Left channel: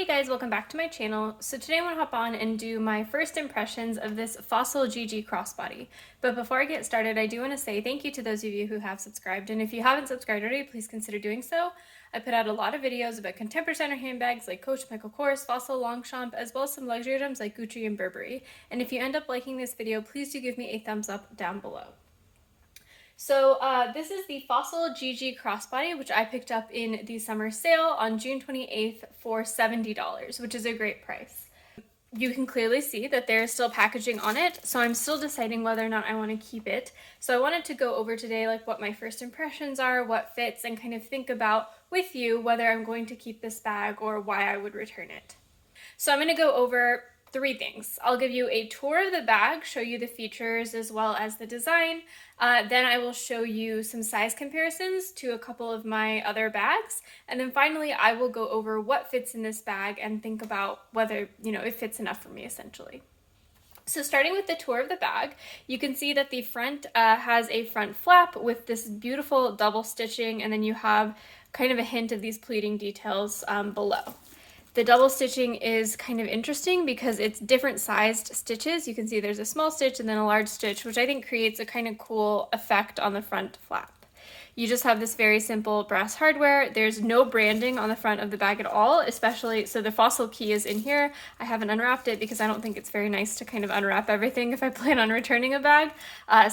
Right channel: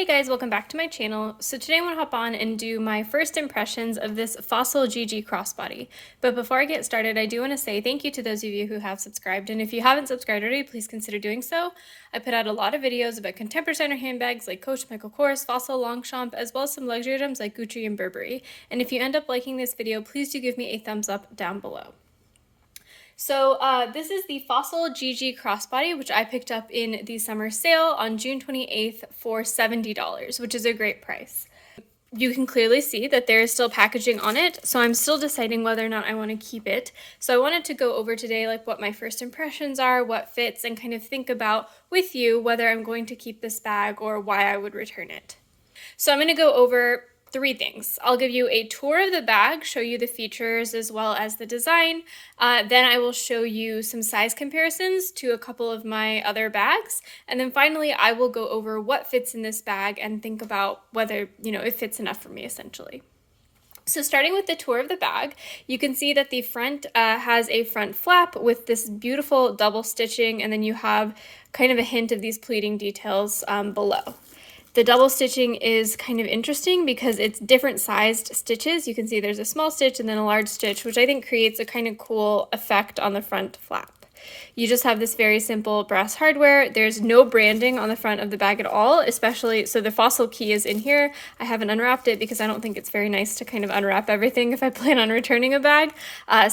Hey guys, welcome back to my channel. So today I want to hop on and do my first impressions of this Fossil Gigi Crossbody. But before I get started, I do want to say thank you to those of you who have subscribed. And if you haven't subscribed already, please consider doing so. I put out a lot of videos about contemporary designer handbags like Coach, Michael Kors, Fossil, Longchamp, as well as some luxury items like Gucci and Burberry. And if you end up liking this video, please do give me a thumbs up down below. So this is the Fossil Gigi Crossbody, which I picked up in the summer sale on June 28th for $70, which is a great price. You can clearly see that there is still packaging on it, so I'm still deciding whether or not I want to keep it. So I wanted to go over today like what my first impressions are, what fits, and kind of think about with you whether I'm going to keep this bag or why I would return it. So I'm going to go over three things. I'll give you a tour of the bag, show you the features as well as the design. Then I will show you some size comparisons to a couple of my other bags. And then finally, I will go over what fits in this bag and think about whether, it fits enough for me essentially. So starting with the tour of the bag, you can see that the front has a front flap with this beautiful double stitching, and then you have kind of a hint of these pleating details below. The double stitching is kind of interesting because it's different sized stitches. You can see there's a small stitch and then a large stitch, which I think creates a kind of cool effect on the front flap. You just have this very simple brass hardware. There's no branding on the front of the bag at all, especially, so the Fossil key is in here. I haven't unwrapped it because I don't think it's very nice to kind of unwrap everything if I plan on returning a bag.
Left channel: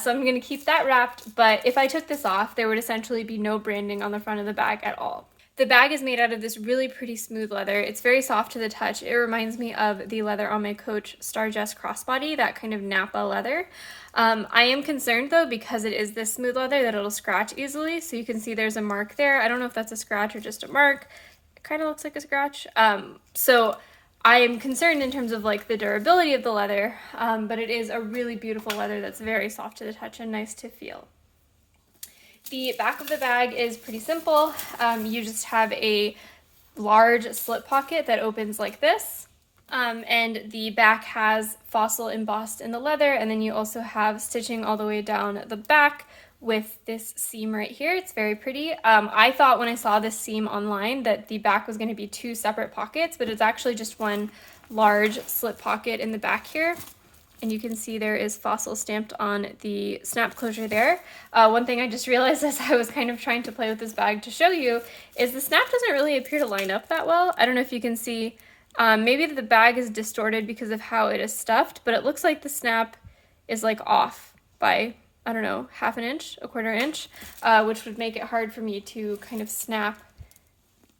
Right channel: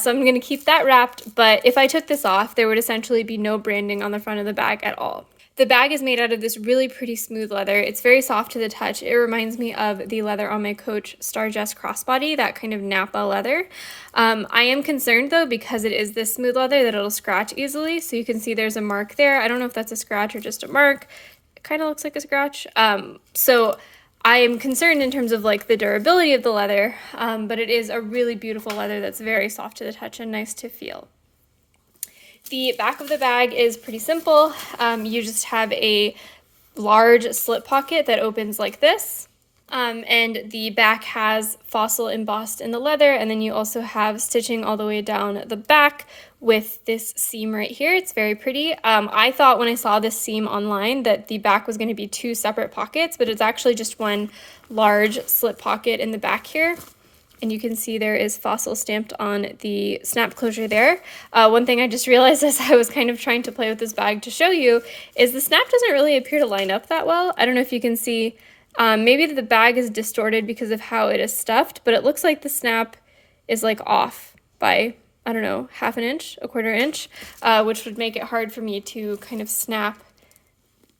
So I'm gonna keep that wrapped, but if I took this off, there would essentially be no branding on the front of the bag at all. The bag is made out of this really pretty smooth leather. It's very soft to the touch. It reminds me of the leather on my Coach Starjust Crossbody, that kind of Napa leather. I am concerned though, because it is this smooth leather, that it'll scratch easily. So you can see there's a mark there. I don't know if that's a scratch or just a mark. It kind of looks like a scratch. So I am concerned in terms of like the durability of the leather, but it is a really beautiful leather that's very soft to the touch and nice to feel. The back of the bag is pretty simple. You just have a large slip pocket that opens like this, and the back has Fossil embossed in the leather, and then you also have stitching all the way down the back with this seam right here. It's very pretty. I thought when I saw this seam online that the back was going to be two separate pockets, but it's actually just one large slip pocket in the back here. And you can see there is Fossil stamped on the snap closure there. One thing I just realized as I was kind of trying to play with this bag to show you is the snap doesn't really appear to line up that well. I don't know if you can see, maybe the bag is distorted because of how it is stuffed, but it looks like the snap is like off by, I don't know, half an inch, a quarter inch, which would make it hard for me to kind of snap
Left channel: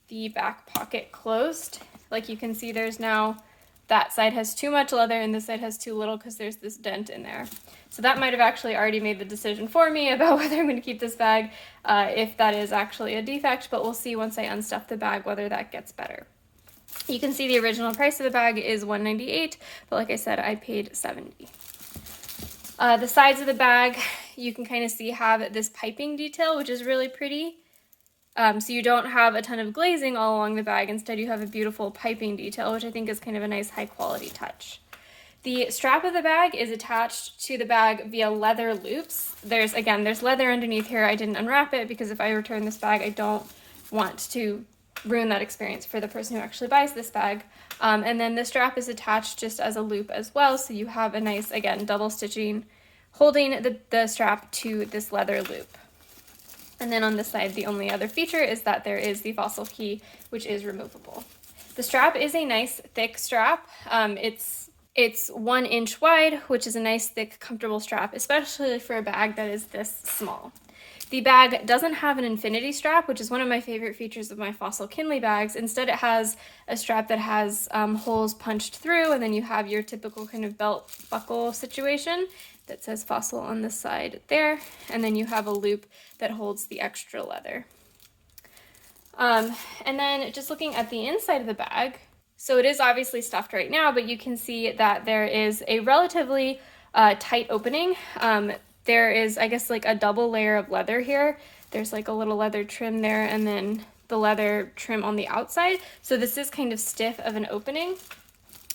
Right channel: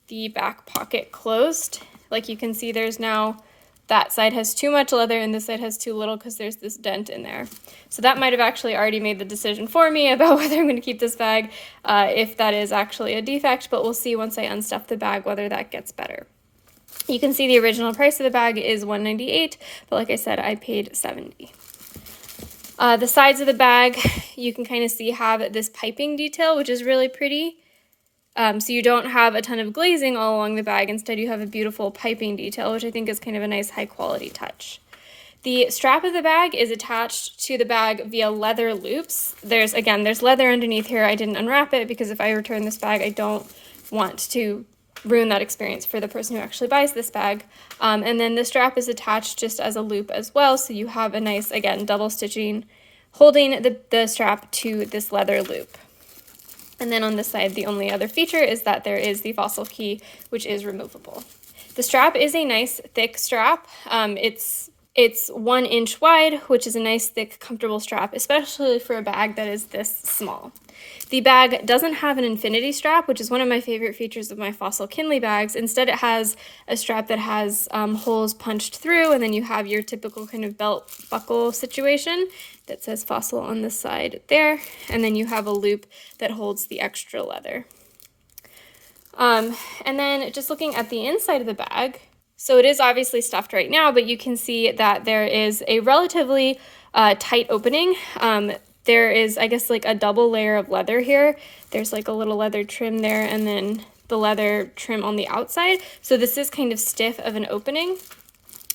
the back pocket closed. Like you can see there's now, that side has too much leather and this side has too little because there's this dent in there. So that might have actually already made the decision for me about whether I'm going to keep this bag, if that is actually a defect, but we'll see once I unstuff the bag whether that gets better. You can see the original price of the bag is $198, but like I said, I paid $70. The sides of the bag, you can kind of see have this piping detail, which is really pretty. So you don't have a ton of glazing all along the bag. Instead, you have a beautiful piping detail, which I think is kind of a nice high quality touch. The strap of the bag is attached to the bag via leather loops. There's leather underneath here. I didn't unwrap it because if I return this bag, I don't want to ruin that experience for the person who actually buys this bag. And then the strap is attached just as a loop as well. So you have a nice, again, double stitching holding the strap to this leather loop. And then on this side, the only other feature is that there is the Fossil key, which is removable. The strap is a nice thick strap. It's 1 inch wide, which is a nice thick, comfortable strap, especially for a bag that is this small. The bag doesn't have an infinity strap, which is one of my favorite features of my Fossil Kinley bags. Instead, it has a strap that has holes punched through, and then you have your typical kind of belt buckle situation that says Fossil on this side there, and then you have a loop that holds the extra leather. And then just looking at the inside of the bag, so it is obviously stuffed right now, but you can see that there is a relatively tight opening. There is, I guess, like a double layer of leather here. There's like a little leather trim there and then the leather trim on the outside. So this is kind of stiff of an opening.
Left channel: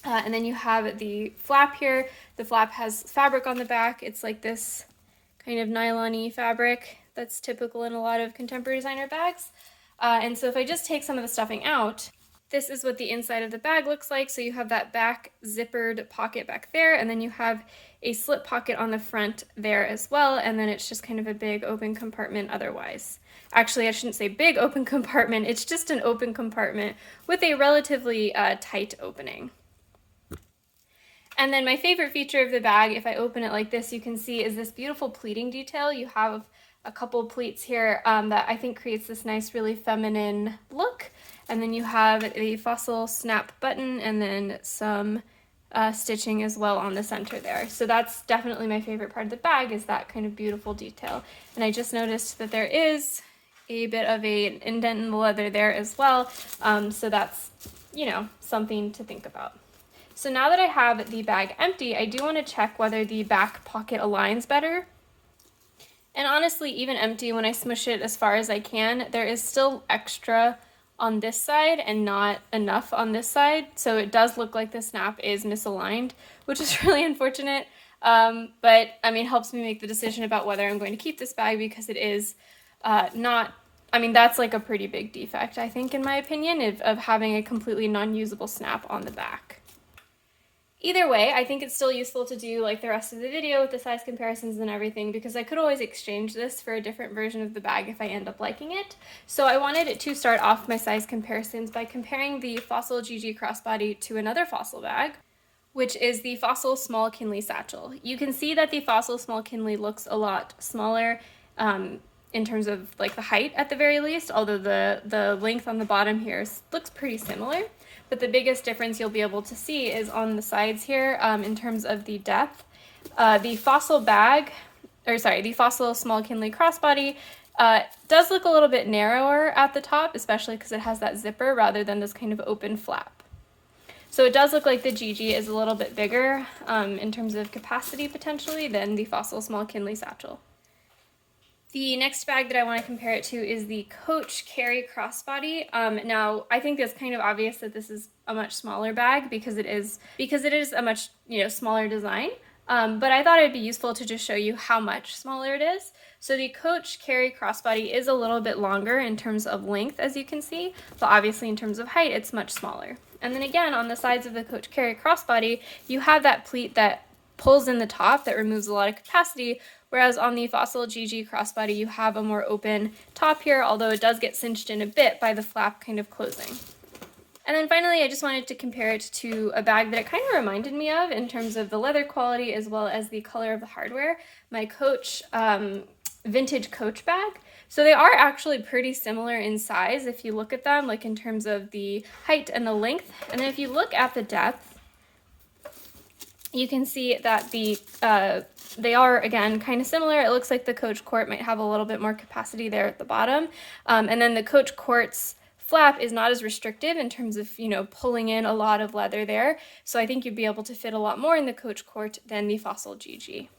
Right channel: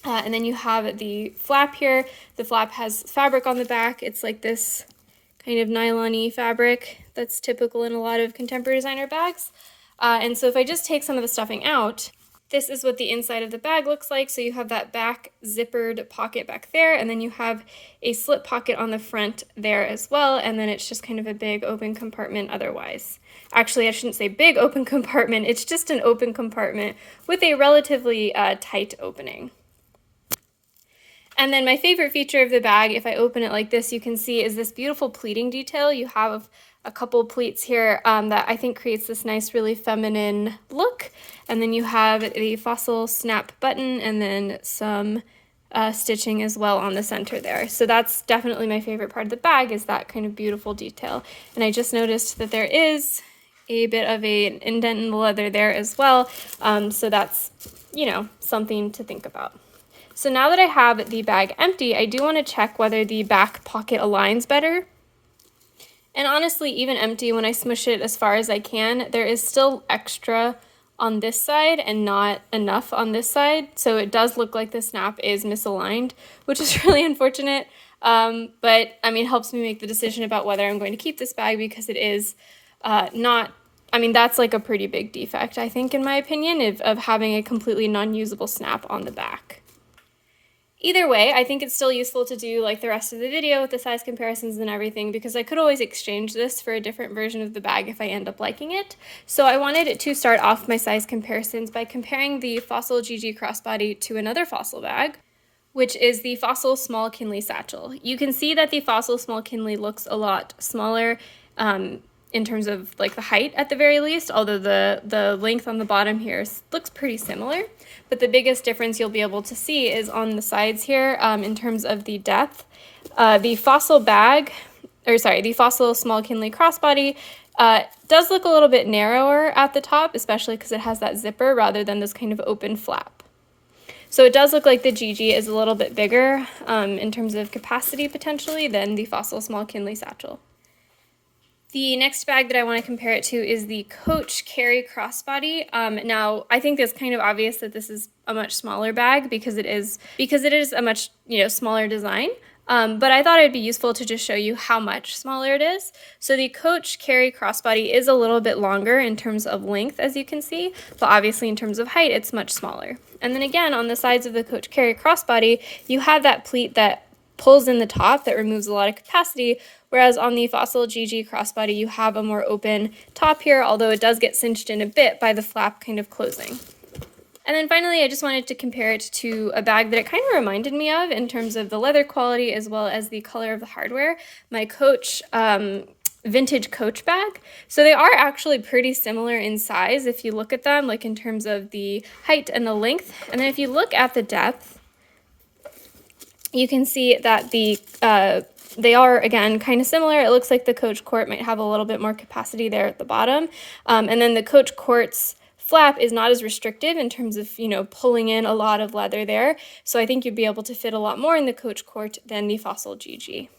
And then you have the flap here. The flap has fabric on the back. It's like this kind of nylon-y fabric that's typical in a lot of contemporary designer bags. And so if I just take some of the stuffing out, this is what the inside of the bag looks like. So you have that back zippered pocket back there, and then you have a slip pocket on the front there as well, and then it's just kind of a big open compartment otherwise. Actually, I shouldn't say big open compartment, it's just an open compartment with a relatively tight opening. And then my favorite feature of the bag, if I open it like this, you can see is this beautiful pleating detail. You have a couple pleats here that I think creates this nice, really feminine look. And then you have the Fossil snap button and then some stitching as well on the center there. So that's definitely my favorite part of the bag, is that kind of beautiful detail. And I just noticed that there is a bit of an indent in the leather there as well. So that's, you know, something to think about. So now that I have the bag empty, I do want to check whether the back pocket aligns better. And honestly, even empty, when I smush it as far as I can, there is still extra on this side and not enough on this side. So it does look like the snap is misaligned, which is really unfortunate. But I mean, helps me make the decision about whether I'm going to keep this bag, because it is not, I mean, that's like a pretty big defect, I think, in my opinion, of having a completely non-usable snap on the back. Either way, I think it's still useful to do like the rest of the video with the size comparisons and everything, because I could always exchange this for a different version of the bag if I end up liking it. So I wanted to start off my size comparisons by comparing the Fossil Gigi Crossbody to another Fossil bag, which is the Fossil Small Kinley Satchel. You can see that the Fossil Small Kinley looks a lot smaller in terms of like the height at the very least, although the length on the bottom here looks pretty similar. But the biggest difference you'll be able to see is on the sides here in terms of the depth. The Fossil Small Kinley Crossbody does look a little bit narrower at the top, especially because it has that zipper rather than this kind of open flap. So it does look like the Gigi is a little bit bigger in terms of capacity potentially than the Fossil Small Kinley Satchel. The next bag that I want to compare it to is the Coach Carry Crossbody. Now, I think it's kind of obvious that this is a much smaller bag because it is a much smaller design. But I thought it'd be useful to just show you how much smaller it is. So the Coach Carry Crossbody is a little bit longer in terms of length, as you can see, but obviously in terms of height, it's much smaller. And then again, on the sides of the Coach Carry Crossbody, you have that pleat that pulls in the top that removes a lot of capacity, whereas on the Fossil Gigi Crossbody, you have a more open top here, although it does get cinched in a bit by the flap kind of closing. And then finally, I just wanted to compare it to a bag that it kind of reminded me of in terms of the leather quality as well as the color of the hardware, my Coach vintage Coach bag. So they are actually pretty similar in size if you look at them, like in terms of the height and the length. And then if you look at the depth, you can see that they are, again, kind of similar. It looks like the Coach Court might have a little bit more capacity there at the bottom. And then the Coach Court's flap is not as restrictive in terms of, pulling in a lot of leather there. So I think you'd be able to fit a lot more in the Coach Court than the Fossil Gigi.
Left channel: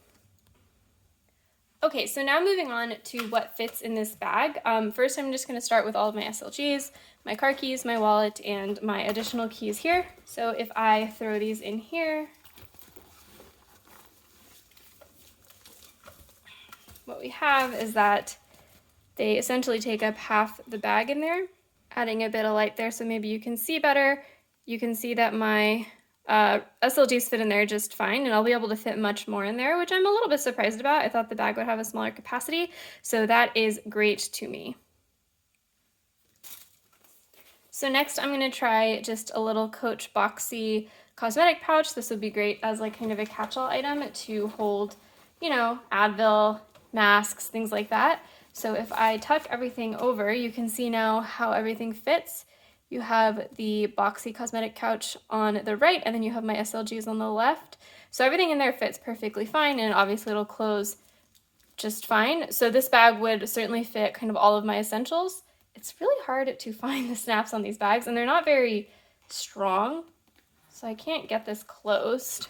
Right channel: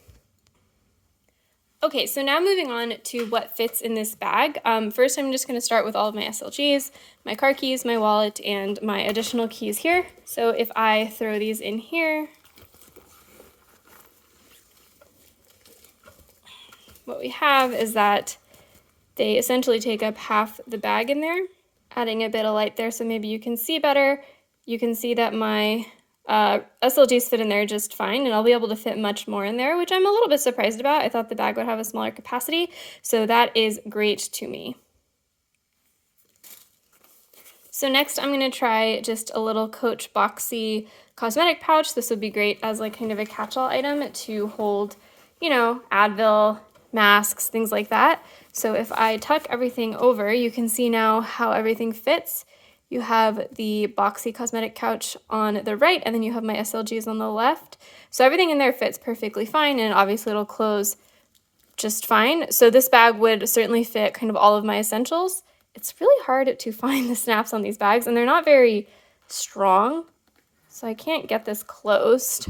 Okay, so now moving on to what fits in this bag. First, I'm just going to start with all of my SLGs, my car keys, my wallet, and my additional keys here. So if I throw these in here, what we have is that they essentially take up half the bag in there, adding a bit of light there so maybe you can see better. You can see that my SLGs fit in there just fine, and I'll be able to fit much more in there, which I'm a little bit surprised about. I thought the bag would have a smaller capacity, so that is great to me. So next I'm going to try just a little Coach boxy cosmetic pouch. This would be great as like kind of a catch-all item to hold, Advil, masks, things like that. So if I tuck everything over, you can see now how everything fits. You have the boxy cosmetic couch on the right, and then you have my SLGs on the left. So everything in there fits perfectly fine, and obviously it'll close just fine. So this bag would certainly fit kind of all of my essentials. It's really hard to find the snaps on these bags, and they're not very strong, so I can't get this closed.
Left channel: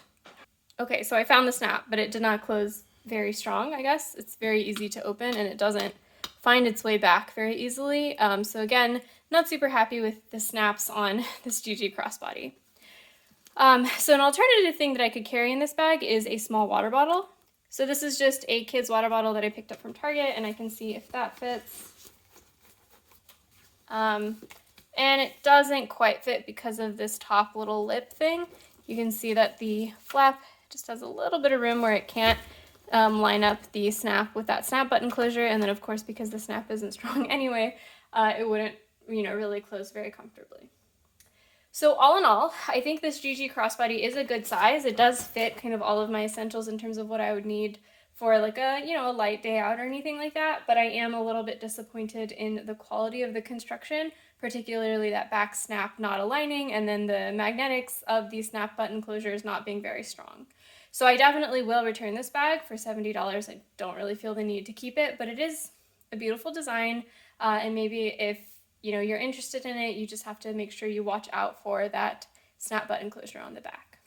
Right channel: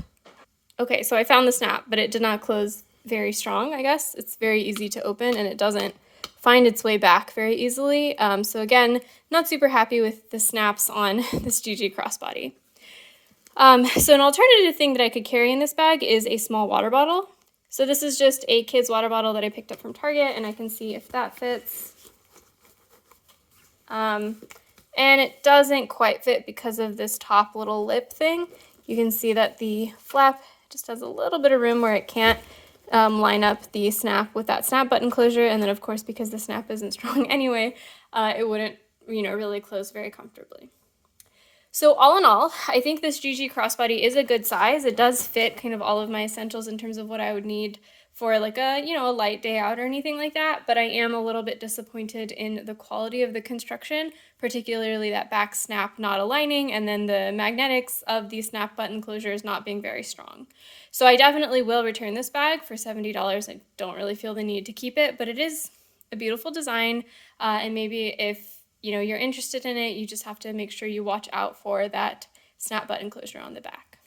Okay, so I found the snap, but it did not close very strong, I guess. It's very easy to open, and it doesn't find its way back very easily. So again, not super happy with the snaps on this Gigi Crossbody. So an alternative thing that I could carry in this bag is a small water bottle. So this is just a kid's water bottle that I picked up from Target, and I can see if that fits. And and it doesn't quite fit because of this top little lip thing. You can see that the flap just has a little bit of room where it can't line up the snap with that snap button closure, and then of course because the snap isn't strong anyway, it wouldn't, really close very comfortably. So all in all, I think this Gigi Crossbody is a good size. It does fit kind of all of my essentials in terms of what I would need for like a, a light day out or anything like that, but I am a little bit disappointed in the quality of the construction, particularly that back snap not aligning and then the magnetics of the snap button closures not being very strong. So I definitely will return this bag for $70. I don't really feel the need to keep it, but it is a beautiful design, and maybe if you're interested in it, you just have to make sure you watch out for that snap button closure on the back.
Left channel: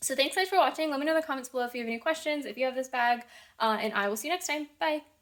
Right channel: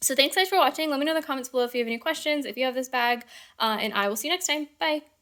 So thanks guys for watching. Let me know in the comments below if you have any questions, if you have this bag, and I will see you next time. Bye.